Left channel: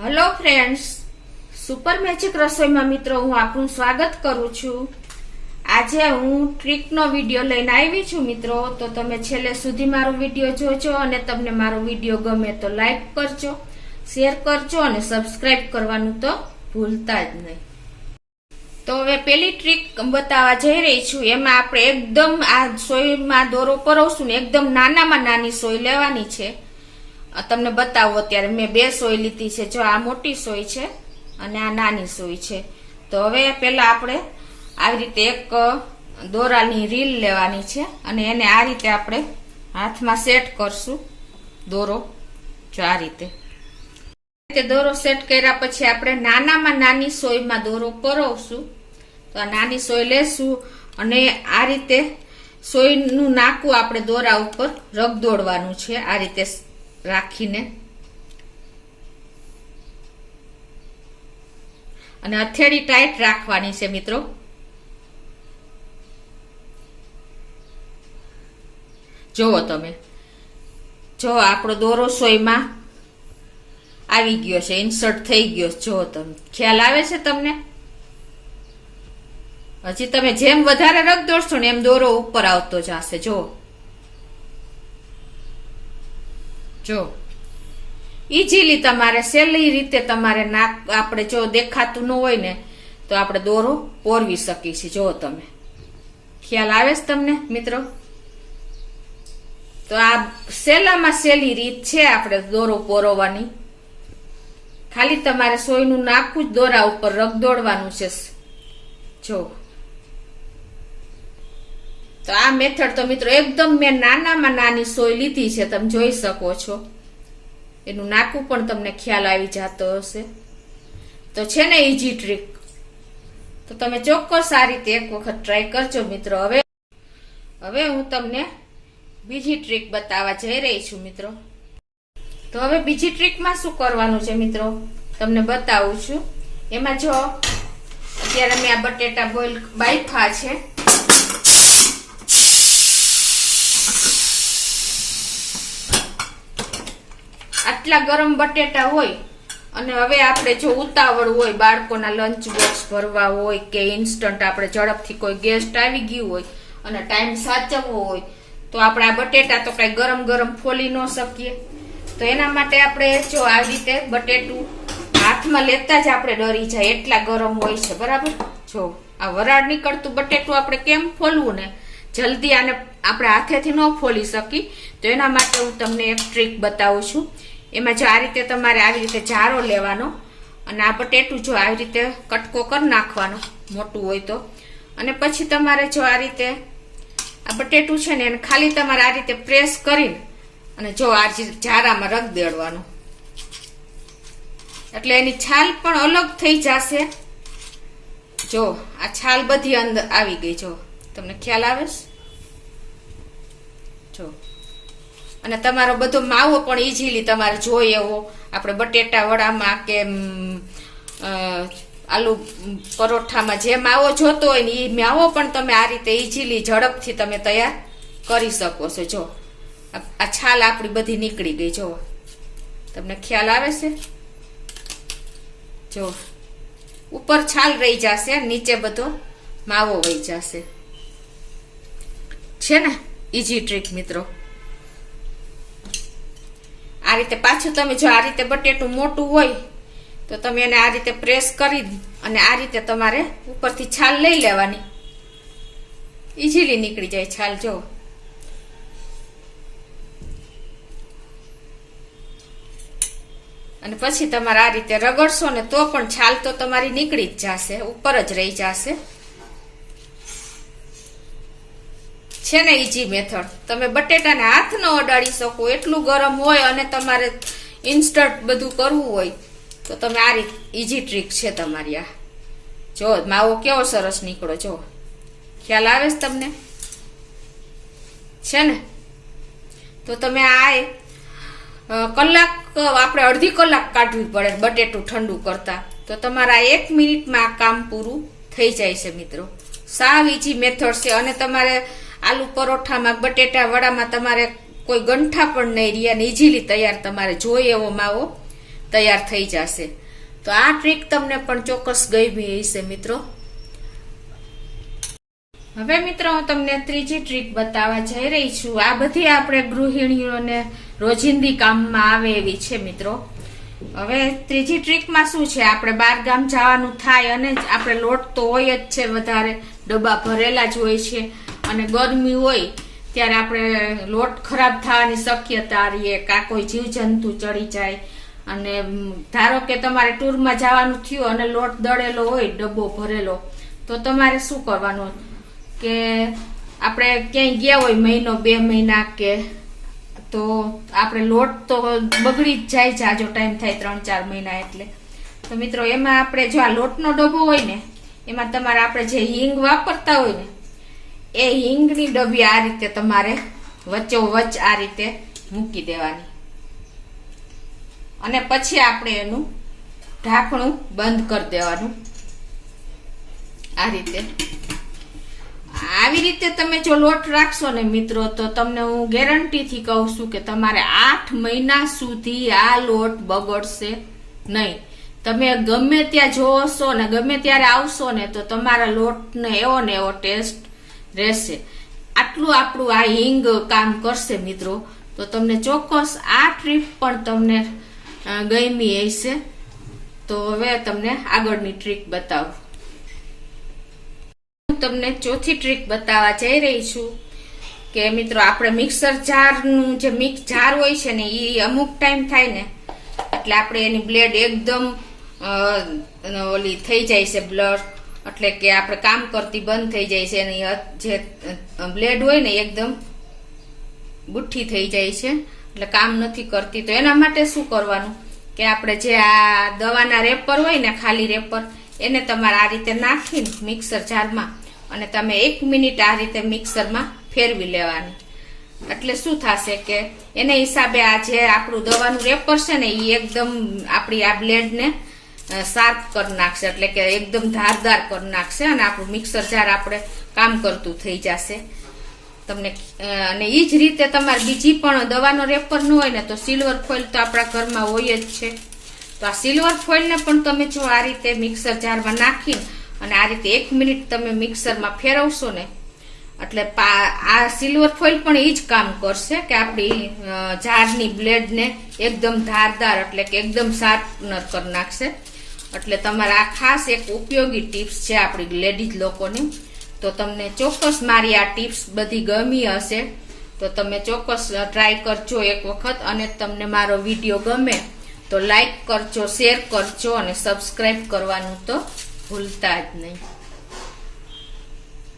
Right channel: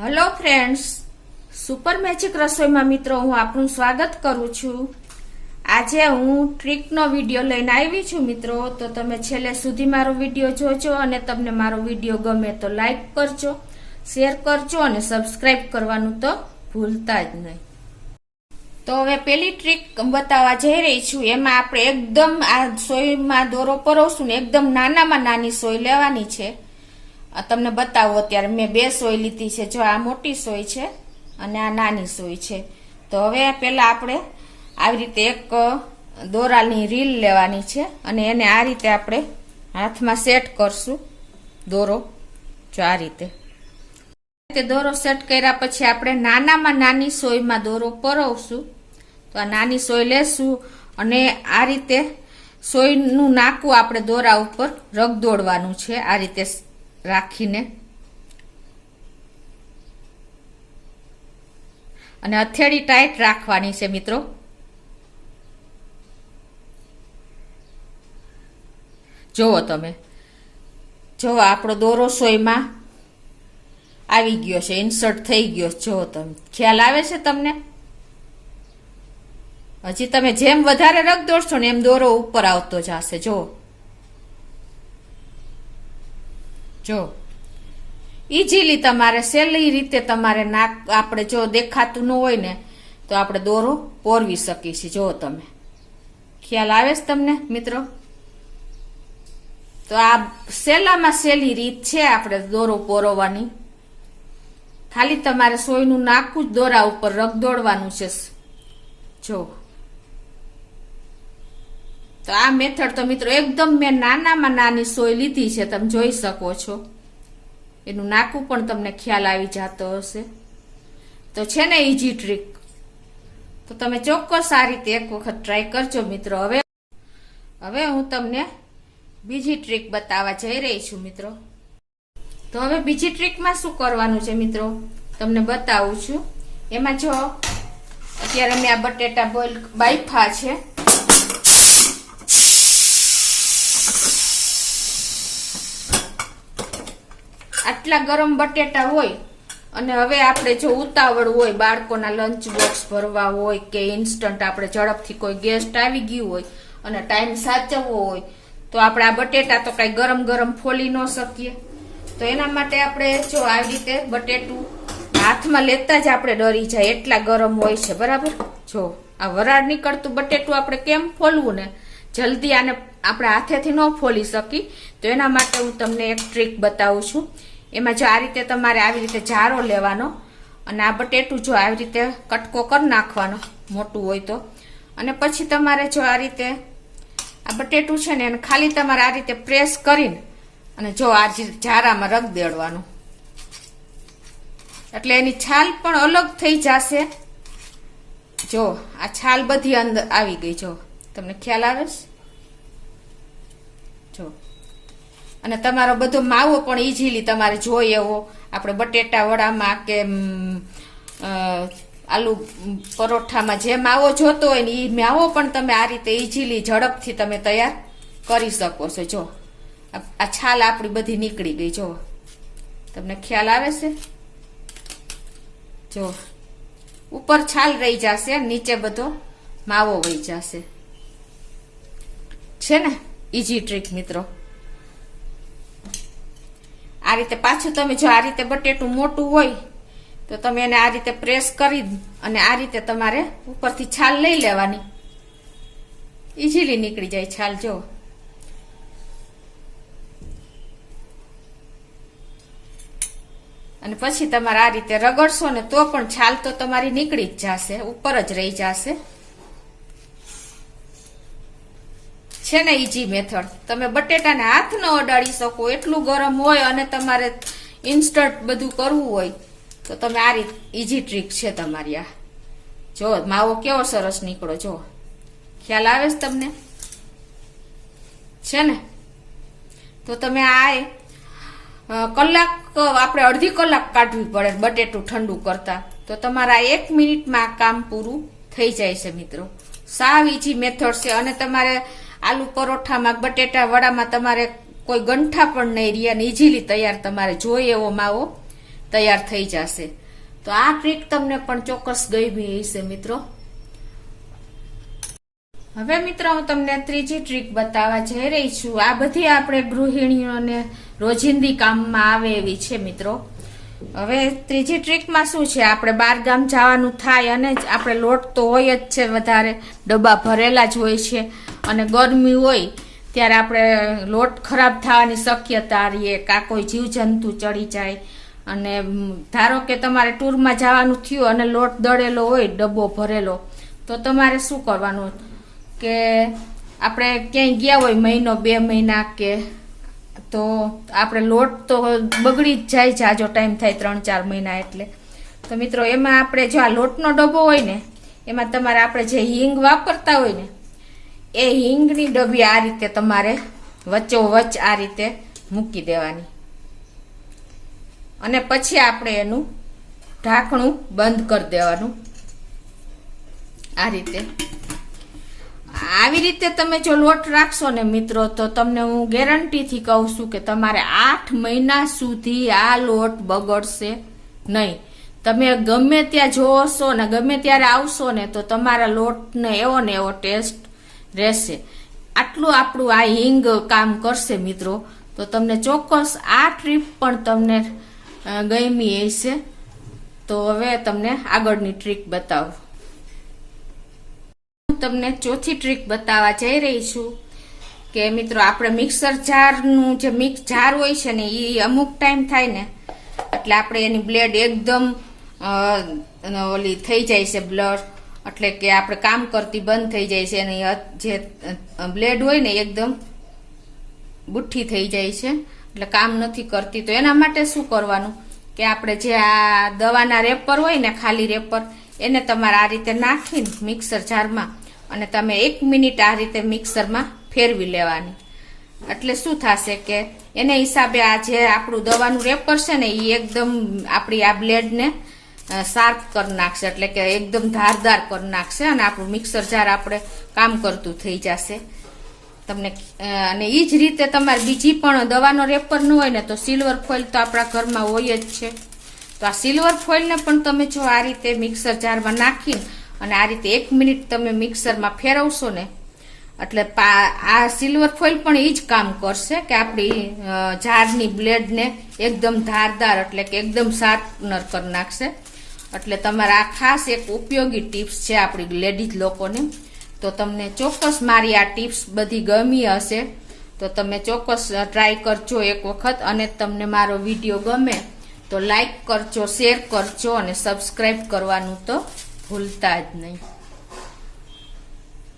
Hello friends, super magic રસોઈમાં મિત્રો હું આપનું સ્વાગત કરું છું। આજે હું ટ્રીકનો વિડીયો લઈને આવી છું મિત્રો, તો તમે છેલ્લે સુધી મારો વિડીયો જોજો અને તમને મારો વિડીયો ગમે તો લાઈક કરજો, શેર કરજો અને સબસ્ક્રાઇબ કરવાનું તો ભૂલતા જ નહીં। તો હવે પેલી ટ્રીક બતાવવા જઈ રહી છું। એમાં આપણે એકદમ આ સોયમાં દોરો પરોવશું ને એકદમ નાનામાં નાની સોય લેવાની છે। તમને બતાવું, અત્યારે મેં બે સોય લીધી છે। જો આ મોટી સોય છે અને આ નાની સોય છે। તો હવે પેલા આપણે આવી રીતે એક દોરાની રીલ લેવાની છે અને એને આ રીતે આપણે હાથમાં સેટ કરશું દોરો। જો આ રીતે દોરો સેટ કર્યા પછી આપણે નાનામાં નાની સોયમાં દોરો પરોવશું। તો આ નાની સોય લેશું અને આ રીતે સોયનું નાકું આપણે દોરા ઉપર રગદોડવાનું છે, આ રીતે રાખીને, અને હથેળી ટાઈટ રાખવાની છે મિત્રો। જોવો તમે, જો આપણો દોરો સોયમાં આવી ગયો છે, ઇન્સર્ટ થઈ ગયો। જો તમે ખ્યાલ આવે છે તમને? હજી તમે જેમ વધારે રગ દોડશો ને એમ દોરો ઉપર આવતો જશે। જો ઈઝીલી તમારે સહેલી રીતે તમારે નાક આપણે જો દેખાતું ન હોય ને તો આપણે દોરો પોરવી શકીએ છીએ। જો તમે ખ્યાલ આવે છે તમને મિત્રો? તો આ સહેલામાં સહેલી રીત છે આપણે દોરો પોરવવાની। ખાલી તમારે સોયનું નાકું જ દોરા ઉપર રગદોડવાનું છે। જો તો આ મેથડ તો મિત્રો એકદમ મેં નાનામાં નાની સોય લીધી છે, તમે જોઈ શકો છો। એનું નાકું પણ તમને ખ્યાલ આવી જતો હશે। તો છે ને ઈઝી ટ્રીક, તો તમે ચોક્કસ આ રીતે એક વખત ટ્રાય કરજો મિત્રો। હવે હું તમને બીજી ટ્રીક બતાવવા જઈ રહી છું મિત્રો। તો હવે બીજી ટ્રીકમાં શું કરવાનું છે મિત્રો તમને બતાવું છું। એમાં જો અત્યારે મેં આ બટેટા બોઇલ બાફા છે, આટલા ગરમ બટેટા હોય અને હવે આપણે જો ઉતાવળ હોય, બાળકોના લંચ બોક્સ ભરવા હોય કે ઇન્સ્ટન્ટ આપણે ઝડપથી કોઈ ગેસ્ટ આવી ગયું હોય અને ટાઈમ સાચવવો હોય, તો આપણે આ બટેટા તો કઈ ગરમ ગરમ ફોલી ન શકીએ। તો એના માટે આપણે જો આવી રીતે બટેટું હાથમાં લેતા જ આપણે ડરી જાય એટલા ગરમ હોય છે, બરાબર? જો આ વરાળ નીકળતું બટેટું આપણે કેમ ફોલવું ને, જલ્દી આને આપણે હાથેથી ન ફોલી શકી। તો એના માટે હું તમને એક ટ્રીક બતાવું છું। એમાં જો આ રીતે તમારે આવી રીતે જારો લેવાનો અને આ બટેટું જો આવી રીતે કટકો કરી નાખવાનો મોટું હોય તો, અને પછી તમારે જો આ રીતે આ બટેટું છે ને એને ખાલી તમારે આ રીતે પ્રેસ કરીને અને જો આ જારામાં રગ દેડવાનું, એટલે એની છાલ પણ અલગ થઈ જશે। જો આ છાલ બધી અંદર આવી ગઈ, જો તમને ખ્યાલ આવે છે? જો અને તમારો બધો માવો પણ ઈઝીલી તમારે જોઈએ એવો આપણે બટેટા વડામાં કે આલુ પરોઠામાં જે માવો જોતો હોય ને એ માવો પણ તમે આ રીતે ઈઝીલી ઝડપથી તમે તૈયાર કરી શકો છો। જો આ છાલ આપણી બધી નીકળી ગઈ, જો તમને ખ્યાલ આવે છે? જો ઉપર છાલ રહી જશે, નીચે બધો માવો વહી જશે। છે ને ઈઝી ટ્રીક મિત્રો? આ રીતે પાછું તમે જો આ રીતે બટેટું મોટું હોય તો તમે એને આ રીતે પ્રેસ કરી અને આ રીતે તમારે ઉપરથી છાલ લઈ લેવાની, ઈઝીલી નીકળી જાય છાલ। જો અને પછી તમારે આ રીતે રગડશો ને તો પણ છાલ તો તમારી નીકળી જ જશે, ઉપર જ રહી જશે। છે ને ઈઝી મેથડ? તમે બટેટાને હાથ ન અડાડી શકો એટલું ગરમ હોય અને તમારે ઇન્સ્ટન્ટ બધું કરવું હોય તો તમે આ રીતે ઈઝી ટ્રીક છે તમારી આ। જો માવો કેવો સરસ નીકળો, જો ખ્યાલ આવે છે તમને? છે ને? તો તમે આ કલાક આપણે અડધી કલાક કાઢવી પડે બટેટું ઠંડુ કરતા, તો તમારા 1 મિનિટમાં આ કામ પૂરું થઈ જાય છે મિત્રો। સાવ ઈઝી મેથડ છે અને તમારે આલુ પરોઠામાં બટેટા વડામાં તમારે કોઈ ગંઠા પણ નહીં રહે અને ઈઝીલી તૈયાર તમારે જોઈએ એવો માવો તૈયાર થઈ જશે. તો આ ટ્રીક તમને પણ ચોક્કસ ગમી હશે મિત્રો. હવે મિત્રો હું તમને ત્રીજી ટ્રીક બતાવવા જઈ રહી છું. આ બધી આપણે ગૃહિણીઓને રોજિંદી કામમાં આવે એવી છે મિત્રો. હવે ત્રીજી ટ્રીકમાં શું છે, આપણે બહાર ગામ જવાનું થાય અને આપણે લોટ તો હોય જ છે, વધારે ડબ્બા ભરેલા જ હોય છે અને ગરમી હોય ત્યારે આપણે લોટ ખરાબ થવાની શક્યતા રહીએ, કાં કોઈ જીવજંતુ ચડી જાય. અને ધારો કે તમારે ટૂરમાં જવાનું થયું અને લોટ દળેલો હોય ડબ્બો ભરેલો, તો તમારે શું કરવાનું કે આપણે ક્યાંય ગયા હોય મહિનો 2 મહિના કે, તો આપણે લોટ તો બગડી જ જાય, જાજો ટાઈમ થાય 3-4 મહિના. એટલે તો મિત્રો એમાં આપણે જો આ લોટનો ડબ્બો હોય ને, એમાં તમારે આપણે જે હિંગ વાપરતા હોય ને, એ હિંગની ડબ્બી આ રીતે તમારે વચ્ચોવચ્ચ આ રીતે મૂકી દેવાની અને પછી આપણે એનું ઢાંકણું બંધ કરી દેવાનું આ રીતે. આવી રીતે તમે જો લોટ રાખશો ને મિત્રો, તો તમને હું ગેરંટીથી કહું છું કે તમારે 8 મહિના સુધી આ લોટ બગડશે નહીં. તમે ગમે ત્યાં જોશો ને ગમે ત્યારે આવશો ને, તો તમારા લોટને એવો ને એવો ટેસ્ટ રહેશે. આટલું આપણું આ હિંગ કામ કરશે મિત્રો. તો તમને ચોક્કસ આ ટ્રીક પણ તમને ગમી હશે. તો હવે તમને આગળની ટ્રીક બતાવું. તમને ચોથી ટ્રીક બતાવવા જઈ રહી છું કે મિત્રો આપણે મિક્સર જારનું જે મિક્સ જાર હોય છે ને, એ અમુક ટાઈમ થાય ને એટલે આપણે એની બ્લેડ એકદમ ઓલી થઈ જાય છે, બ્લર એટલે કે આપણે કામ કરતી બંધ થઈ જાય છે અને જે બ્લેડ હોય ને એકદમ બુઠ્ઠી થઈ જાય છે, એટલે કામ નથી કરતી. તો એના માટે શું કરવાનું કે આપણે જે આ દવાના રેપર હોય ને, ખાલી રેપર, એને તમારે આ રીતે નાખીને મિક્સર જારમાં અને તમે 1 મિનિટ આ રીતે મિક્સરમાં ફેરવી લેવાની. એટલે શું થશે કે એને હિસાબે આ જે આપણું દવાનું રેપર છે ને, એ એકદમ આપણી આ બ્લેડને શાર્પ કરી નાખશે, એટલે કે એકદમ ધારદાર કરી નાખશે અને આપણું મિક્સર જાર આપણે કામ કરતું થઈ જશે તમને. અને એ જ રીતે તમારે બીજી પણ દવાનો રેપર ન હોય ને, તો સિલ્વર ફોઇલ તો આપણા ઘરમાં હોય જ છે. તો આ સિલ્વર ફોઇલને પણ તમે જો આ રીતે મિક્સર જારમાં નાખીને અને આ રીતે 1 મિનિટ તમે મિક્સરમાં ફેરવશો ને, એટલે આ સિલ્વર ફોઇલ પણ એ જ કામ કરશે કે આપણી જારની બ્લેડને એકદમ ધારદાર એટલે કે એકદમ શાર્પનર કરી નાખશે. એટલે તમારે આ ખાસ એક ઉપયોગી ટિપ્સ છે આપણી લેડીઝ લોકોની. તો તમને ચોક્કસ મારી આ ટિપ્સ બધી ગમી હશે, તો તમે ચોક્કસ ટ્રાય કરજો એક વખત. અને તમને મારો વિડીયો ગમે તો લાઈક કરજો, શેર કરજો અને સબસ્ક્રાઈબ કરવાનું તો ભૂલતા જ નહીં.